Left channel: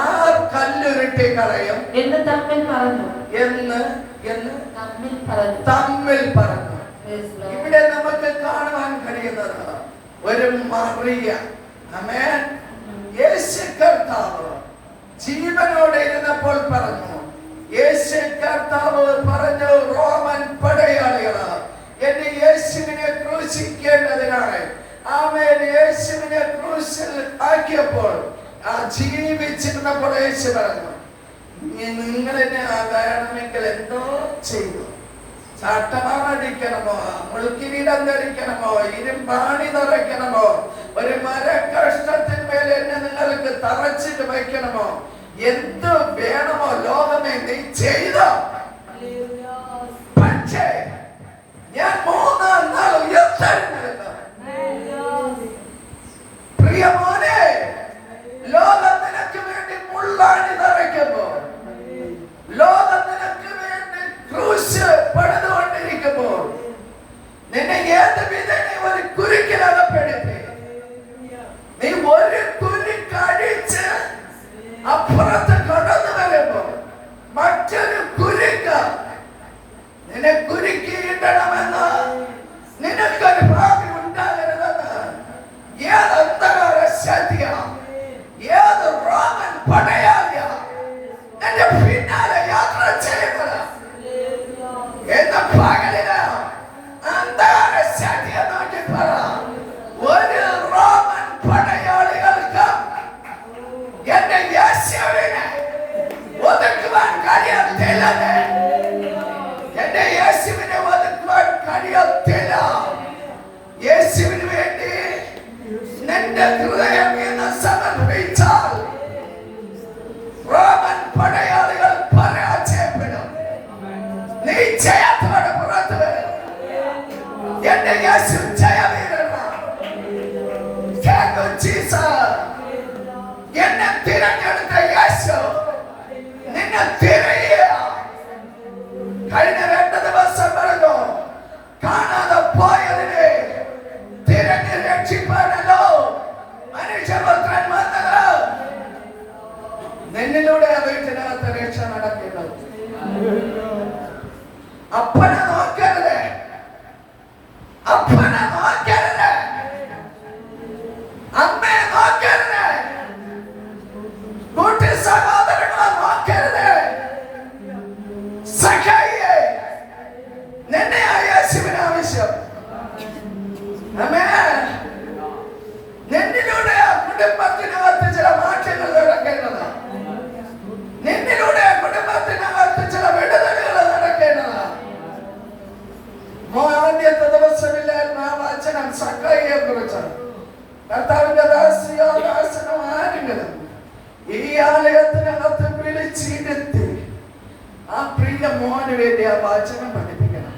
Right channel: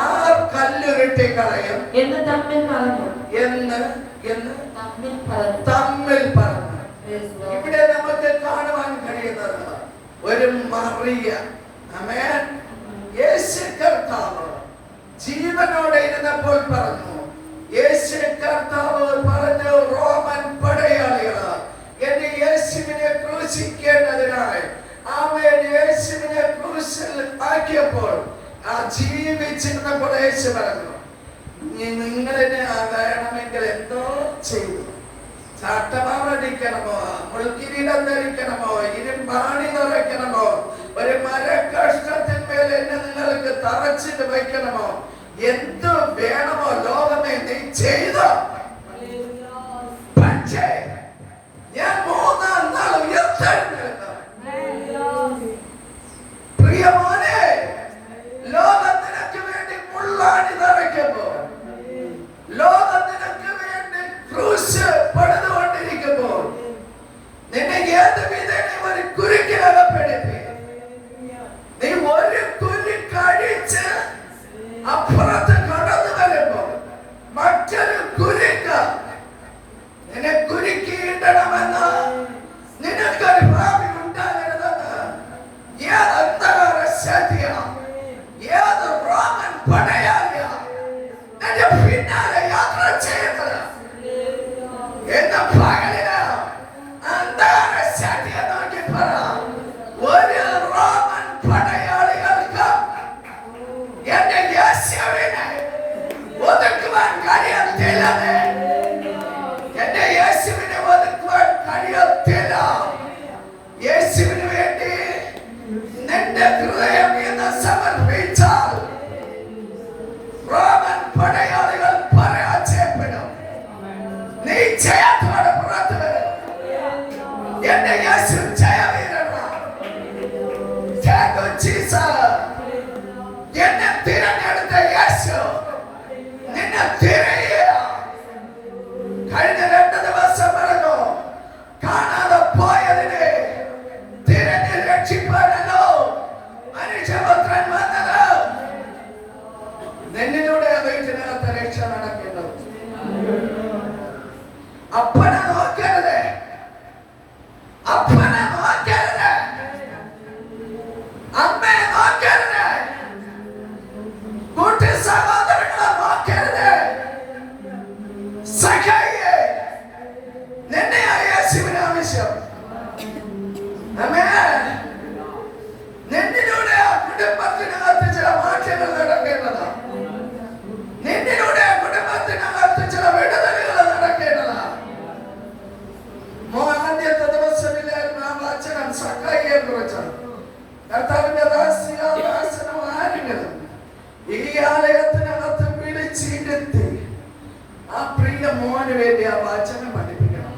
R കല്ലുരുട്ടി കളയും എന്ന് തമ്മിൽ പറഞ്ഞു. ഇവിടെ നമുക്ക് കാണുവാൻ കഴിയുന്നത് ഒരു മറിയ, ആമേൻ, യേശു കർത്താവ് ജീവനോടെ ഇരുന്നപ്പോൾ പറഞ്ഞു, യേശു കർത്താവ് പറഞ്ഞു, റോമൻ പടയാളികള് എന്റെ യേശുവിനെ ക്രൂശിക്കേണ്ടതിനായി ആമേൻ യേശുവിനെ ക്രൂശിൽ ആക്കിയപ്പോൾ ആ ജീവിച്ചിരുന്നപ്പോൾ യേശു പറഞ്ഞു, നിങ്ങളെന്നെ ആകണമെങ്കിൽ എന്തോ ചെയ്തു. ചാട്ടമാടിക്കണമോ, മുൾക്കിരീടം ധരിക്കണമോ, ഇരുമ്പാണി നിറയ്ക്കണമോ, ഒരു മരകഷ്ണത്തിന്മേൽ എന്നെ നിങ്ങൾക്ക് തറച്ചിട്ട് വയ്ക്കണമോ, എന്ത് വേണമോ ലോകമേ നീ ചെയ്തോ. പക്ഷേ ഞാൻ മൂന്നാം നാൾ ഉയർത്തെഴുന്നേൽക്കും. പ്രിയമോനെ, ലോകം നിനക്ക് വേണ്ടി മുള്ളാണി നിറയ്ക്കുമ്പോൾ, ലോകം നിനക്ക് വേണ്ടി ക്രൂശ് പണിതുകൊണ്ടിരിക്കുമ്പോൾ, നിന്നെ ഏത് വിധേന ഒരു കുരുക്കിലകപ്പെടുത്തി നീ ഒരു കുരു കഴിച്ച് അപ്പുറത്ത് കടന്നു വരുമ്പോൾ മറ്റൊരു കുരുക്ക് നിന്നെ കുരുക്കിയിടണമെന്ന്, നിനക്കൊരു ഭാവി ഉണ്ടാകരുതെന്ന് ഏത് അന്ധകാര ശക്തിയാണ്, ഏത് റോമൻ പടയാളിയാ നിന്റെ പിന്നാലെ യാത്ര ചെയ്യുന്നത് എന്ന പകലിന് അന്ധകാര ശക്തിയെ നോക്കി പറ, ഒരു റോമൻ പടയാളികൾക്ക് എന്റെ യേശുവിനെ ഒതുക്കുവാൻ കഴിയത്തില്ല. എന്റെ യേശുവിനെ ഒതുക്കുവാൻ കഴിയത്തില്ല. യേശുവിന് വേണ്ടി നിന്റെ ഹൃദയം എന്ന് സമർപ്പിച്ചാൽ റോമൻ പടയാളികൾ പരാജയപ്പെടും. നീ ജയത്തോടെ പുറത്തു വരും. എന്റെ യേശു ജയവീരനാണ്. എന്നെ തിരഞ്ഞെടുത്ത യേശു നിന്നെ തിരയുക. കഴിഞ്ഞ 2 ദിവസം പറഞ്ഞു, കാണാതെ പോയതിനെ തിരഞ്ഞ് രക്ഷിപ്പാനല്ലോ മനുഷ്യപുത്രൻ വന്നത്. നിന്നിലൂടെ വീട്ടിനകത്ത് രക്ഷ നടക്കേണ്ടത്. അപ്പനെ നോക്കരുത്, അപ്പനെ നോക്കരുത്, അമ്മയെ നോക്കരുത്, കൂട്ടി സഹോദരങ്ങളെ നോക്കരുത്. സഖായിയെ, നിന്നെ യേശുവിന് ആവശ്യം. ആമേൻ. നിന്നിലൂടെ ആ കുടുംബത്തിനകത്ത് ചില മാറ്റങ്ങൾ നടക്കേണ്ടതാണ്. നിന്നിലൂടെ ആ കുടുംബത്തിനകത്ത് ചില വിടുതലുകൾ നടക്കേണ്ടതാണ്. ആദ്യത്തെ ദിവസമില്ല വചനം സഖായിയെ കുറിച്ചാണ്. കർത്താവിന്റെ ദാസനും ആരെങ്കിലും ഈ ആലയത്തിനകത്ത് വിളിച്ചിരുത്തി ആ പ്രിയ മോന് വേണ്ടി ആ വചനം പഠിപ്പിക്കണം.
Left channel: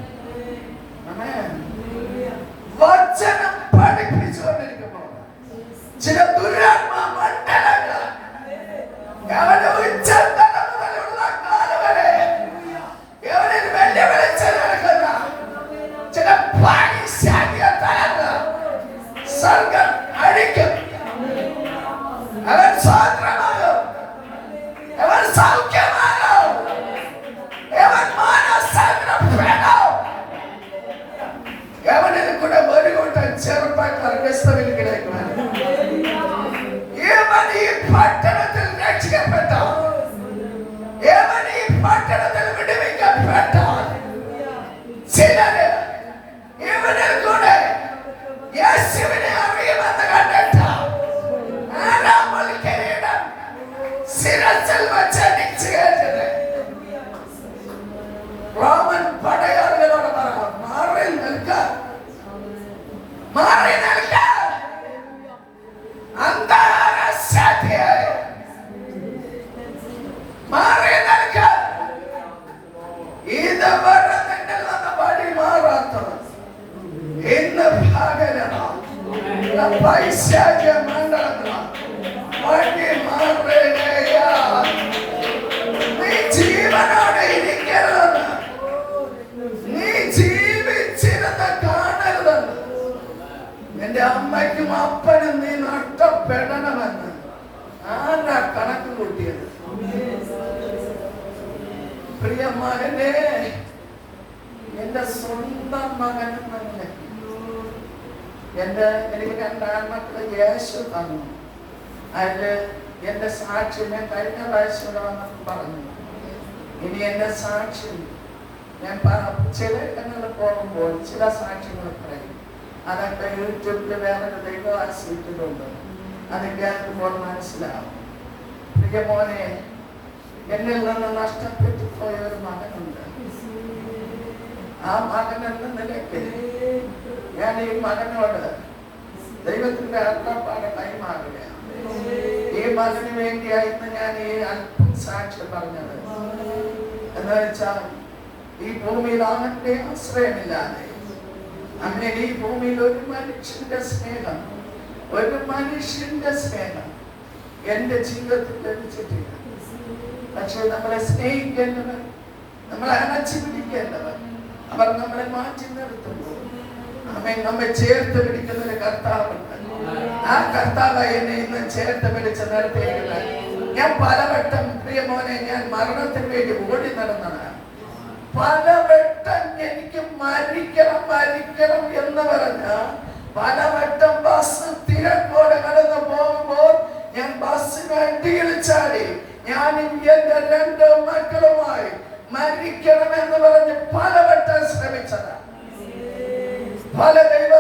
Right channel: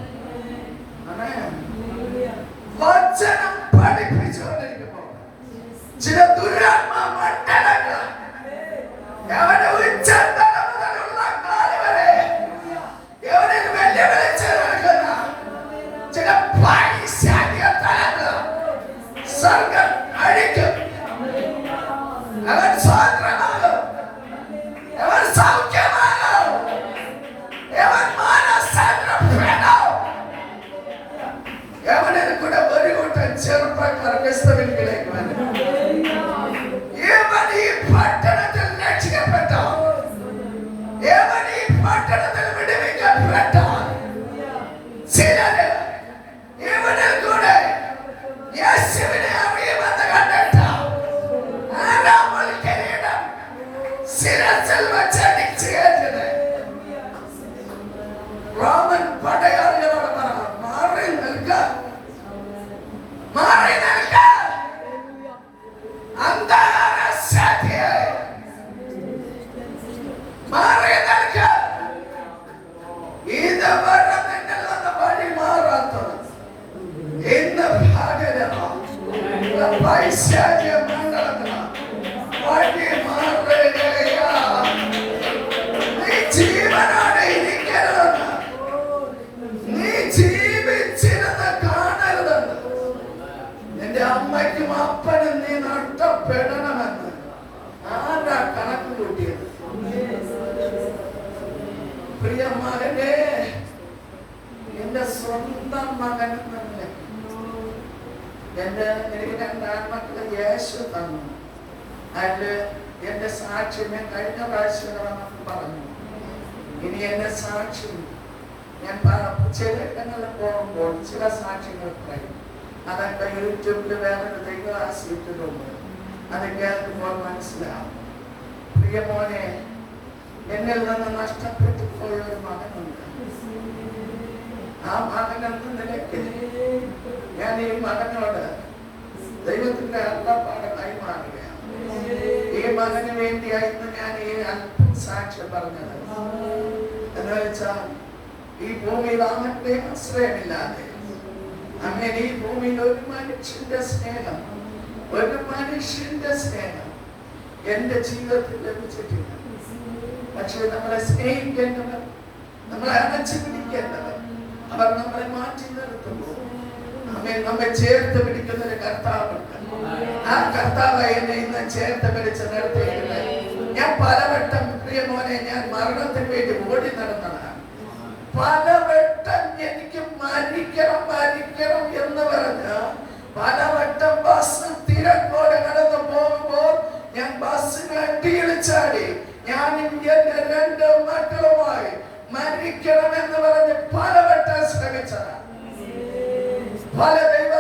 വചനം പഠിപ്പിച്ചുകൊണ്ടിരിക്കുമ്പോ ചില ദുരാത്മാ മണ്ഡലങ്ങൾ അവന്റെ ഉച്ചതല മുതലുള്ള കാല് വരെ അവനിൽ വെല്ലുവിളിച്ച് നടക്കുന്ന ചില പൈശാചിക തലങ്ങൾ സ്വർഗം അഴിക്കും. അവൻ സ്വാതന്ത്ര്യമാകും, അവൻ സൗഖ്യമാകും, അവൻ മാനസാന്തരപ്പെടും. അവനിൽ കൂടെ ഒരു കൂട്ടം ചെറുപ്പക്കാർ ക്രിസ്തുവിലേക്ക് വരും. ഇവൻ ഈ പട്ടണത്തിൽ രക്ഷിക്കപ്പെട്ട, ഇവൻ ഈ പട്ടണത്തിൽ വിടുവിക്കപ്പെട്ട ചിലര് ഇവനിൽ കൂടെ യേശുവിനെ അറിയുമെന്ന് കണ്ടിട്ട് ആരാമൽ കിരീടം ശിരസിൽ വച്ചടിച്ചു കയറ്റുന്നത്. റോമൻ പടയാളികളോട് പറയാം, മാറി നിൽക്ക, മാറി നിൽക്ക. അന്ധകാര ശക്തിയെ മാറി നിൽക്ക. ഇതുവരെ നിന്നിൽ നിന്ന് വഴി മാറാത്തത് ഇന്ന് ഭാഗരമാണ്. പൈശാചിക മണ്ഡലത്തിലാണ് വഴി മാറുകയാ. പ്രിയ മകനെ, എന്റെ സ്വന്തം മകൻ എന്ന നിലയ്ക്ക് എനിക്ക് 2 ആൺമക്കളെ യേശു തന്നു. അതില് എന്റെ സാക്ഷ്യം ഞാൻ കഴിഞ്ഞ പ്രാവശ്യം വന്നപ്പോൾ പറഞ്ഞു. ഇനി എന്റെ സാക്ഷ്യം ഞാൻ ചില ഇടങ്ങളിൽ പോകുമ്പോൾ ചില സാക്ഷ്യങ്ങൾ പറയും. അതൊക്കെ യൂട്യൂബിൽ വേറൊരു ദൈവവാസിട്ടുണ്ട്. അത് കേൾക്കുമ്പോൾ മനസ്സിലാവും. പ്രിയ മോനെ, എന്നിൽ നിന്ന് നഷ്ടപ്പെട്ടു പോയ ഒരു മകനുണ്ട്. ആ മകൻ എന്ന നിലയ്ക്ക് ഞാൻ ഈ മകനോട് ദൈവത്തിന്റെ അരുളപ്പാട് കൈമാറുകയാണ്. ഈ മകന് വേണ്ടിയായിരുന്നു ഞാൻ ഈ അല്പം സാക്ഷ്യം പറഞ്ഞത്. എന്ന് വെച്ചാൽ ഈ ഭൂമിയിൽ അവന്റെ ആശ്രയമില്ലാതെ അങ്ങനെ ഈ ഭൂമിയിൽ ഒരു മനുഷ്യന്റെ സ്നേഹം എന്റെ ജീവിതത്തിൽ ലഭിച്ചിട്ടില്ല. പക്ഷെ നമ്മളെ സ്നേഹിക്കേണ്ടവർ, നമ്മളെ അണച്ചു പിടിക്കേണ്ടവർ, അവർ നമ്മളെ മാറ്റി നിർത്തുമ്പോൾ നമ്മെ ചേർത്ത് പിടിക്കുന്ന ഒരു കർത്താവുണ്ട്. ആ കർത്താവ് എന്നെ ഇന്ന് ചേർത്ത് പിടിച്ച് നിർത്തിയില്ല. ഞാൻ പലവട്ടം പ്രിയ മോനെ ഞാൻ മരണത്തിന് വേണ്ടി ഓടി നടന്നതാണ്. പലവട്ടം എനിക്ക് മരിക്കണം എന്ന് പറഞ്ഞ് പലവട്ടം ബസ് തിരക്കോടെ കടന്നു പോകുമ്പോൾ ഞാൻ ബസ്സിന് അടിയിൽ ചാടി ഞാനും എന്റെ 2 മക്കളുമായി മരിക്കണമെന്ന് പറഞ്ഞ് പലവട്ടം ശ്രമിച്ചതാണ്. പല ദൈവ